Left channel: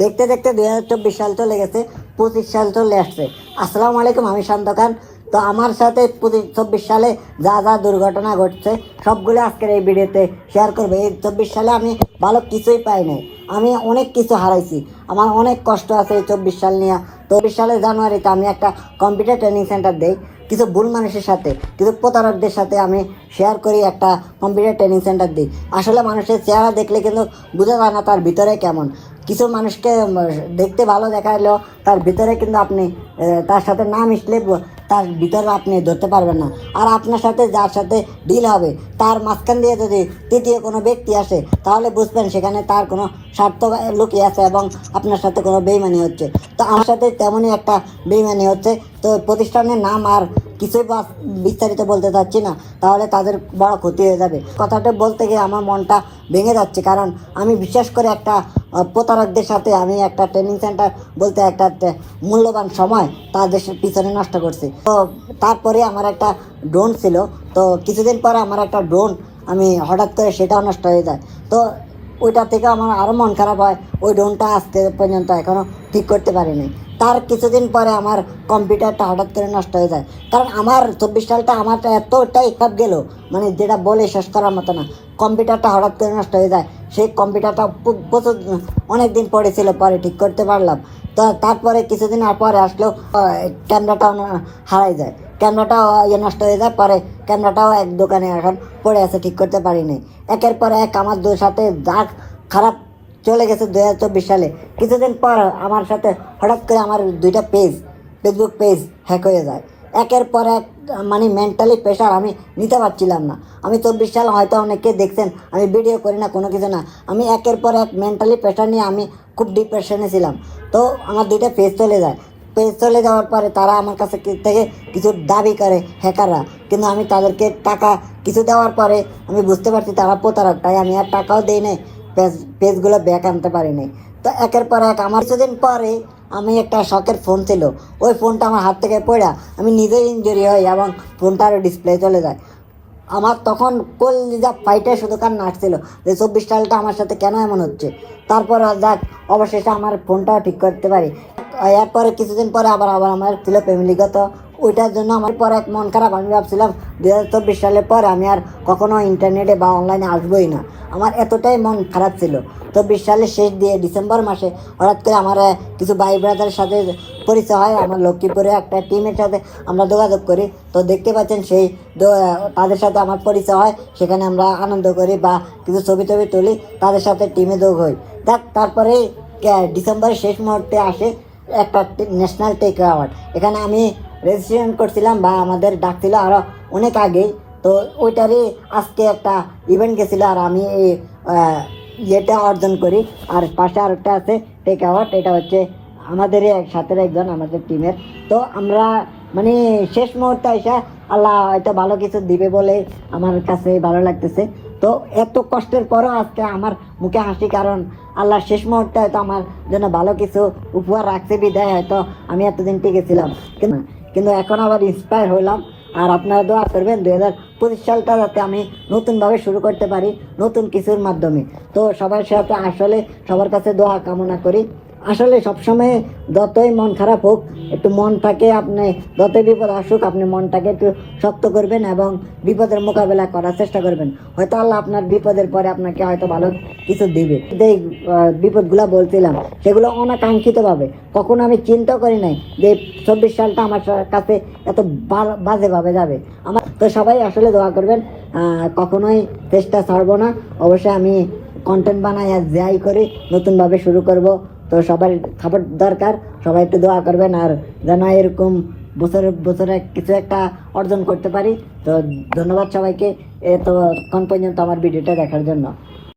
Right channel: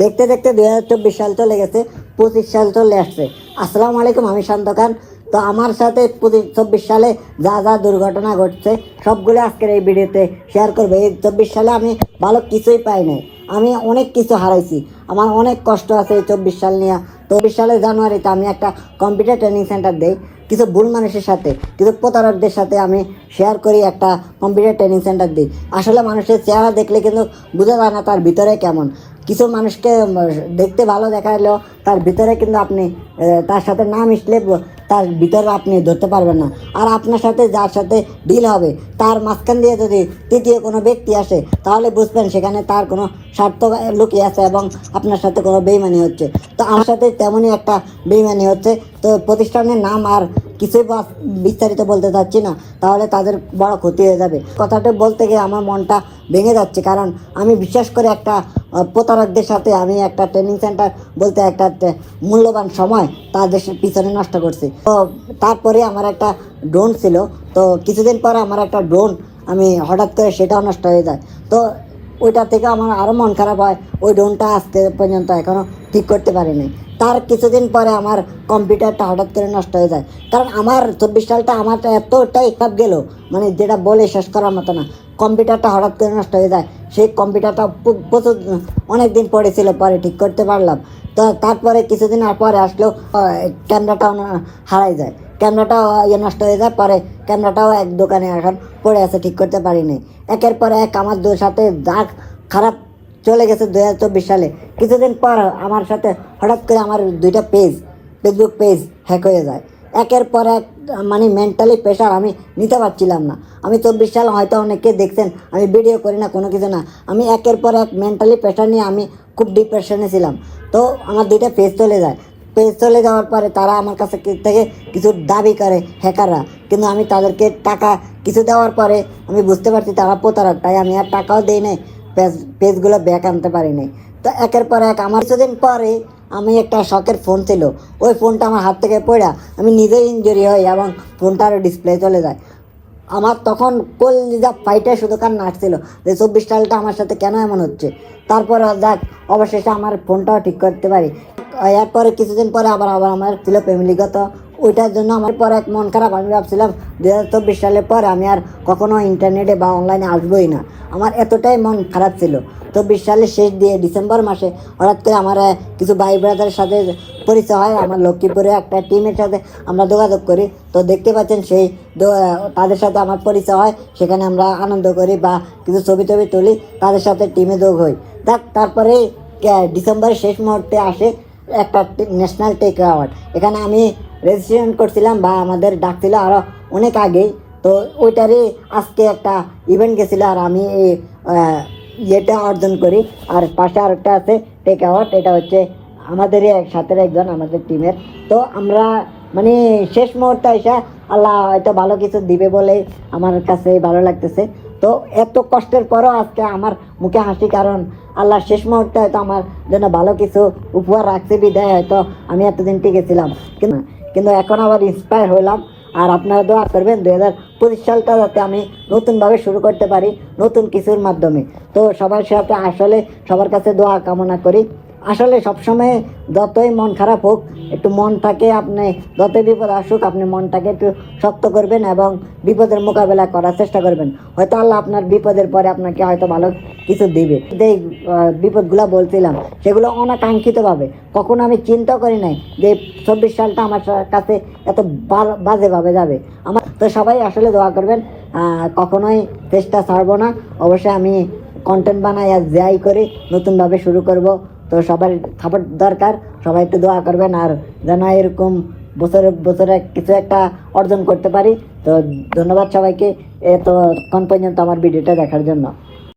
দেখতে দেখতে দুই হাজার চব্বিশ সাল চলে গেছে, পঁচিশ সাল চলে আসছে। আসসালামু আলাইকুম, আমি শান্ত খান তো আমার সাথে পঁচিশ, চব্বিশ সালে যা যা দুর্ঘটনা ঘটছে, সবগুলো আজকের এই ভিডিওতে শেয়ার করব। এই চব্বিশ সালে আমি ভালো কিছুই পাইনি। আমি অনেক কিছু হারাইছি। আমার অনেক কষ্ট আছে এই চব্বিশ সাল নিয়ে। চব্বিশ সালের জানুয়ারিতে আমি একটা কম্পিউটার ট্রেনিং সেন্টার দিই। কিছু ভুল মানুষের সাথে, কিছু প্রতারকদের সাথে আমি শেয়ার করি একটা কম্পিউটার ট্রেনিং সেন্টার দিই। আসলে মানুষের চেহারা দেখলে কিন্তু বোঝা যায় না তার ভিতরে কেমন। কিছু মানুষকে দেখতে ভালো দেখাল। তার ভিতরে কিন্তু আপনি তার সাথে না মিশলে তার ভিতরে আপনি ধরতে পারবেন না। আর আপনার সাথে যার সাথে ডিল হবে, তার মাঝখান দিয়ে যদি তৃতীয় কোনো ব্যক্তি আসে, তাহলে বুঝবেন সেখানে তার কোনো স্বার্থ লুকিয়ে আছে এবং আপনার সাথে কোনো বেইমানি হচ্ছে। তো আমার সাথে তেমনই একটা বেইমানি হচ্ছে। তো প্রতিষ্ঠানের নাম আর কিছুই বিস্তারিত বলতে চাচ্ছি না, তাহলে তাদের বড় ক্ষতি হয়ে যাবে। কথাটা বলতে গিয়ে আমার মনটা ভেঙে যাচ্ছে, কারণ আমি বিশেষ করে একটা প্রতারকদের সাথে আমি একটা ট্রেনিং সেন্টার বলতে একটা মূল্যবান সময় তাদের পিছনে নষ্ট করছি। তো তারপরে আমার একটা ড্রোন ছিল। তো কিছুদিন পর আমার একটা ড্রোন আমি হঠাৎ করে সেটাও নষ্ট হয়ে যায়। তো ওইটা থেকে আমার আরও মন খারাপ হয়। ওই ড্রোনটা আজকে পর্যন্ত এখনও ঠিক করতে পারিনি। তার কিছুদিন পরে আমার কম্পিউটারটা হঠাৎ করে নষ্ট হয়ে যায়। কারণ আমার চব্বিশ সালটা আমারটা এতটাই খারাপ গেল মানে যেটা বলে শেষ করার মতো না। কম্পিউটারটা হঠাৎ করে নষ্ট হয়ে যায়। সেই কম্পিউটারটা প্র- প্রচুর অনেক দিন পড়েছিল পরে ঠিক করতে পারলাম। তো তারপরে কিছুদিন আর পরে আসলেও ক্যামেরাটা হারাই যায়। ক্যামেরাটাও ইয়ে নষ্ট হয়ে যায়, পরে ক্যামেরাটাও এক দোকানে এখন পড়ে আছে, ঠিক করতে পারিনি। একের পর এক আমার দুই সাথে দাগ খারাপ চলে গেছে দু হাজার চব্বিশ সালে। কিছুদিন পর আমার সাথে হঠাৎ করে আমার দুইটা পেজ ফেসবুক পেজ হ্যাক হয়ে যায়। একের পর এক মানে মেন্টালি প্রেশার আমি নিতে পারছিলাম না। আমি চব্বিশ সাল হয়তো অনেকে দেখছেন, আমি ভিডিও করি না, কোনো কিছু না। আমি একের পর এক মেন্টালি প্রেশার নিয়ে আমি খুব ডিপ্রেশনে ছিলাম। তো আমার দুইটা পেজ চলে যায়। পেজ চলে যাওয়ার পরে তারা আমার কাছে থেকে কিছু দাবি করে হ্যাকাররা কিন্তু আমি তাদেরকে টাকা কিছু দেওয়ার পরে আমি বুঝতে পারছি তারা প্রতারক, তাই আমি আর টাকাও দিই নাই পেজ পেজগুলো ব্যাক আনতে পারিনি তো একের পর এক, আমার কিছুদিন পরে আমি একটা শখের ফোন ছিল। ওই ফোনটা আমার হাত থেকে পড়া, আমি নিজেই ইঞ্জুরি হই এবং ফোনটার ডিসপ্লে চলে যায়। আমার তখন কলিজা ফাইটে শুধু কান্না আসছিল যে চব্বিশ সালটা আমার সাথে কেন এমন হচ্ছে? তারপর যাক, অবশেষে আমার ফোনটাও ঠিক করতে পারি। এরপরে কিছুদিন পরে আবার আবার আমার ছিল ফ্যামিলিগত ওইটার জন্য আমার পর এক মন খারাপ। আমি ভাবছিলাম দু হাজার চব্বিশ সালের পর আমি আর কখনো ইন্টারনেটে বা অনলাইনে আসবোই না। আমার এতটাই মন খারাপ ছিল। চব্বিশ সালের শেষ দিয়ে ডিসেম্বর মাসে হঠাৎ করে আমার কিছু ভাই ব্রাদারের সাথে পরিচয় হয়। আমার লক্ষ্মীপুরে একটা টিমের সাথে আমরা যোগাযোগ করি। তো দেখতে পাচ্ছেন সেই তাদের সাথে আমার পরিচয় হয়। সেখানে আমরা আনন্দ করি বা কিছু ছবি টবি তুলি, তাদের সাথে টিমে যোগ হই। দেখ তারপরে ডিসেম্বরের শেষ মুহূর্তে আসে একটা ন্যাশনাল টেক অ্যাওয়ার্ড এখানে আমি রেজিস্ট্রেশন করছিলাম বা আমাদের ডাকছিল আরও অনেক আগে। তো ওইটারই আজকে একটা ইভেন্ট গেছিল আর আমি ইয়েটা অর্জন করি। আর পাশে আরেকটা আছে টেক অ্যাওয়ার্ড এটা হচ্ছে আমাদেরই এক সাথে একজন আমাদের টিমের তো আমরা মানে শেষ মুহূর্তে এসে আল্লাহ হয়তো ভালো কিছু দিবে বলে আমার কাছে ভালো লাগতেছে। তো এত কষ্টের পরও আজকে আমার মুখে হাসি, কারণ আল্লাহ শেষ মুহূর্তে হয়তো আমার জন্য ভালো কিছু উপহার রাখতে বিদায়, হয়তো আমি এতদিন টিকেছিলাম। কিন্তু কিন্তু এখন আবার ইন্সপায়ার হলাম আর আপনারা দোয়া করবেন দুই হাজার পঁচিশ সালটা যাতে আমি নতুনভাবে শুরু করতে পারি নতুন কিছুর মাধ্যমে। তো সবার সাথে আসলে সবার কাছে দোয়া কামনা করি। আসলে সবসময় যতই মন খারাপ হোক, একটু মনটাকে আপনি যতই বিপদ আসুক, আপনি মনটাকে একটু শক্ত করবেন এবং বিপদের মোকাবেলা করার চেষ্টা করবেন। হয়তো আল্লাহ আপনার বিপদের পরে আপনাকে হয়তো ভালো কিছু দিবে। যে বিপদগুলো বলছিলাম, সেগুলো অনাকাঙ্ক্ষিতভাবে। কখনো আমি চিন্তা করি নাই যে চব্বিশ সালটা আমার কাছে এত বাজেভাবে যাবে। আমার, তো সবাই আসলে দোয়া করবেন কখনোই চেষ্টা ছাড়বো না। অবশ্যই আমি কন্টেন্ট বানাই আর যাই করে, নতুনভাবে শুরু করব। তো সবার খবর দরকার, সবাই একটু দোয়া করবেন আর যেন এরকম বছরে বছরে কিছু একটা অর্জন করতে পারি। তো ধন্যবাদ সবাইকে এতক্ষণ পর্যন্ত আমার ভিডিওটা দেখার জন্য।